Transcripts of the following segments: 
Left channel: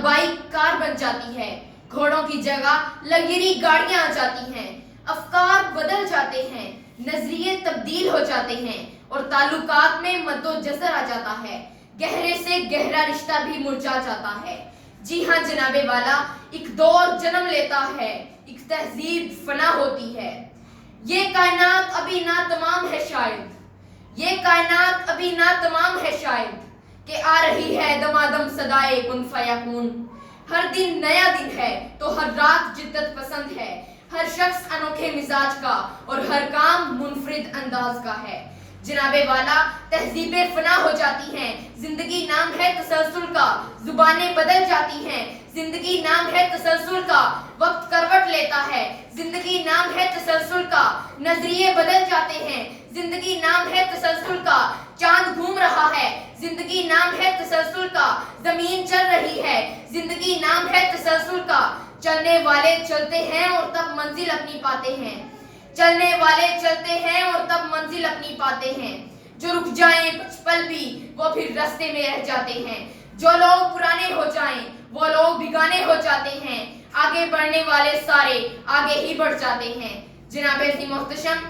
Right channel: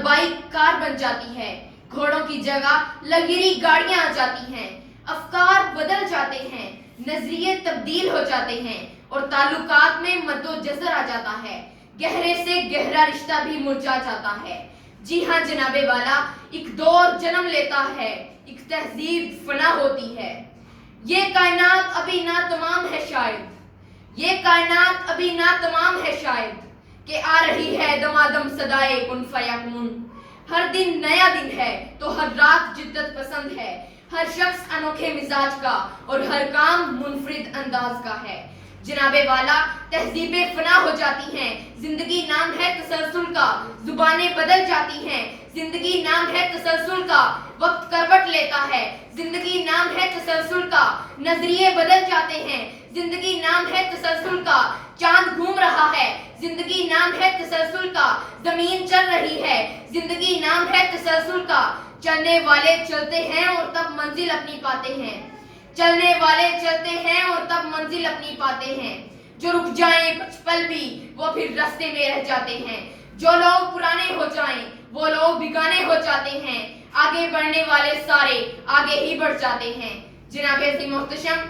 और bike car बन जाती है। घोड़ों की जगह लग्जरी गाड़ियां आ जाती हैं। अफकार बदल जाते हैं, नजरिए तब्दील हो जाते हैं और ताल्लुकात में मद्दोजज़र आ जाता है। गहरे से गहरा रिश्ता भी मुरझा जाता है। जी हाँ जनाबे वाला, एक दौर जन्म लेता है, एक तहजीब फना होती है। ये कायनात अभी ना तमाम है शायद, ये कायनात अभी ना तमाम है शायद, कि आ रही है दमादम सदाए कुन फयकून। हर दिन नया दिन है तो हर रात जिद्दत पसंद है। हर शख्स अनोखे मिजाज का और हर काम मुनफरिद अंदाज का है। जनाबे वाला, तहजीबें फना हो जाती हैं, जिंदगी नाम है तसलसल का, जुबानें बदल जाती हैं, जिंदगी नाम है तसलसल का, वक्त करवट लेता है, जिंदगी नाम है तसलसल का, नजरिए बदल जाते हैं, जिंदगी नाम है तसलसल का, चांद घूम रहा है, जिंदगी नाम है तसलसल का, जमीन चल रही है, जिंदगी नाम है तसलसल का। चलने वाले चलते हैं और तब मंजिल अपनी पाते हैं, चलने वाले चलते हैं और तब मंजिल अपनी पाते हैं। जो रुक जाएं कुछ पल भी वो फिर रास्ते में रह जाते हैं। जो लोग पुराने हो जाएं वो लोग बिगाने हो जाते हैं। आगे बढ़ने वाले सारे आगे ही बढ़ जाते हैं। जनाबे सी मोहतशम,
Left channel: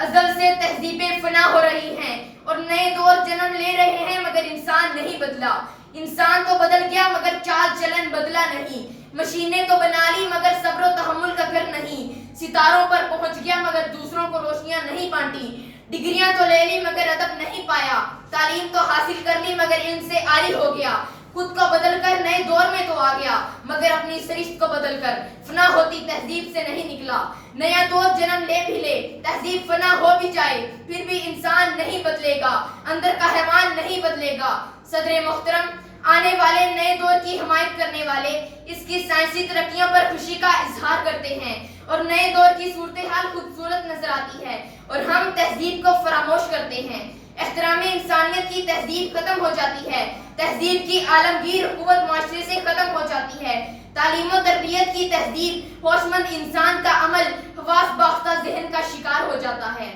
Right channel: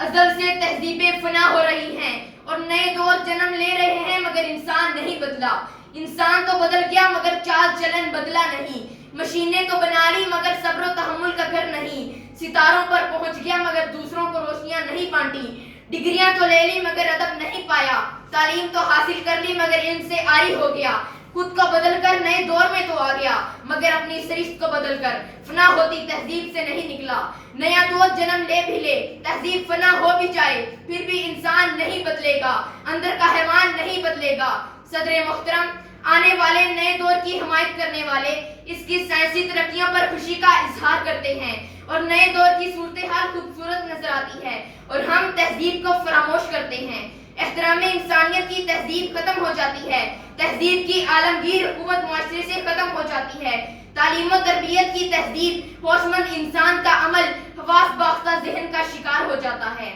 अज़ल से तहजीबें फना हो रही हैं और नए दौर जन्म ले रहे हैं, मगर इंसान नहीं बदला। इंसान तो बदल गया मगर चाल चलन बदला नहीं। मशीनें तो बना ली मगर सब्र व तहम्मुल का घर नहीं। सितारों पर पहुंच गया मगर दूसरों को रोशनियां नहीं बांटी। डिग्रियां तो ले ली मगर अदब नहीं पाया। तालीम तो हासिल कर ली मगर इनसे आरी हो गया। खुद को बदल कर नए दौर में तो आ गया मगर अपनी सरिश्त को बदल कर फना होती तहजीब से नहीं निकला। नया दौर जन्म ले भी ले, तहजीब फना हो भी जाए, फिर भी इंसान नहीं बदलेगा, अंदर का हैवान नहीं बदलेगा। सदरे मोहतरम, आने वाले नए दौर की हिमायत करने वाले इसकी साइंसी तरक्कियों पर खुशी का इजहार करते हैं और नए दौर की सूरत हाल खूबसूरत नजर आती है और हम तहजीब को फरामोश करते हैं। एहतराम इंसानियत की तहजीब खत्म हो जाती है। तहजीब की आलमगीर हुकूमत माशरे से खत्म हो जाती है। तालीम और तरबियत की तहजीब होशमंद इंसान का अमल हवास बाख्ता ज़हन का शिकार हो जाता है।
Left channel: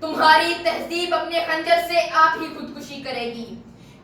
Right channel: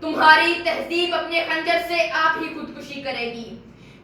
तुम्हारी तहजीब अपने खंजर से आप ही खुदकुशी करेगी।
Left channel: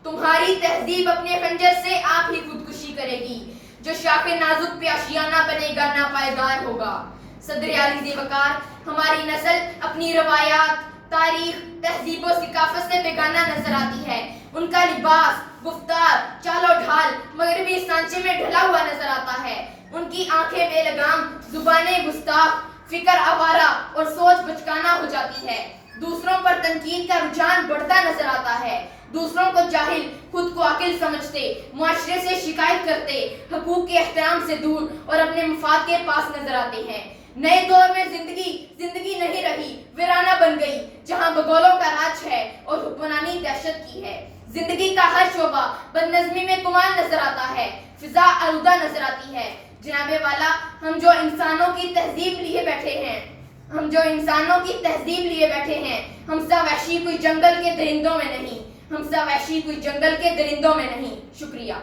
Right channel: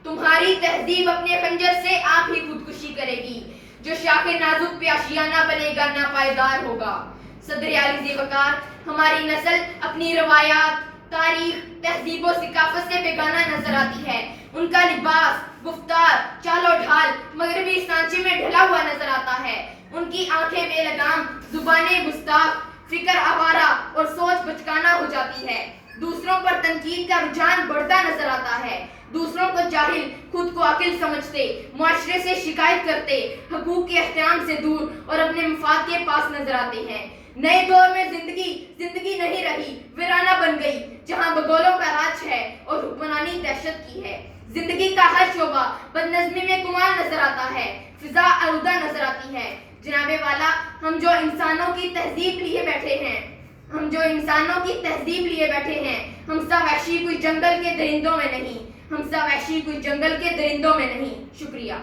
तुम्हारी तहजीब अपने खंजर से आप ही खुदकुशी करेगी। जो शाखे नाजुक पे आशियाना बनेगा ना पायदार होगा। सदर आली ज़ीवकार, हमारी नस्ल अपनी रवायात, तारीख, तहजीब और सिकाफत से बेगाना नजर आती है। उनका लिबास, गुफ्तार, चालो ढाल मगरबी सांचे में ढला हुआ नजर आता है। उनकी आंखें बेलगाम, जुबानें गुस्ताख, फिक्र आवारा और सोच बचकाना हो जाती है। दूसरों पर तनकीद का रुझान बढ़ता नजर आता है। दूसरों को जाहिल, खुद को अकिल समझते, मुआशरे से शिकायत करते, हकूक के एहतराम से दूर और अपने मफाद के पास नजर आते हैं। नए दौर में जिंदगी नहीं रही, वीराना बन गई, जहां बगौलों का राज है और हुक्मरानी दहशत की है। जिंदगी का हर शोबा बदनज़मी में कुमार नजर आता है, फिजा आलूदा नजर आती है। जनाबे वाला, हम जो इंसानों की तहजीब लिए बैठे हैं, हमसा वहशी कोई जंगल के दरिंदों में नहीं, हमसा वहशी कोई जंगल के दरिंदों में नहीं। शुक्रिया।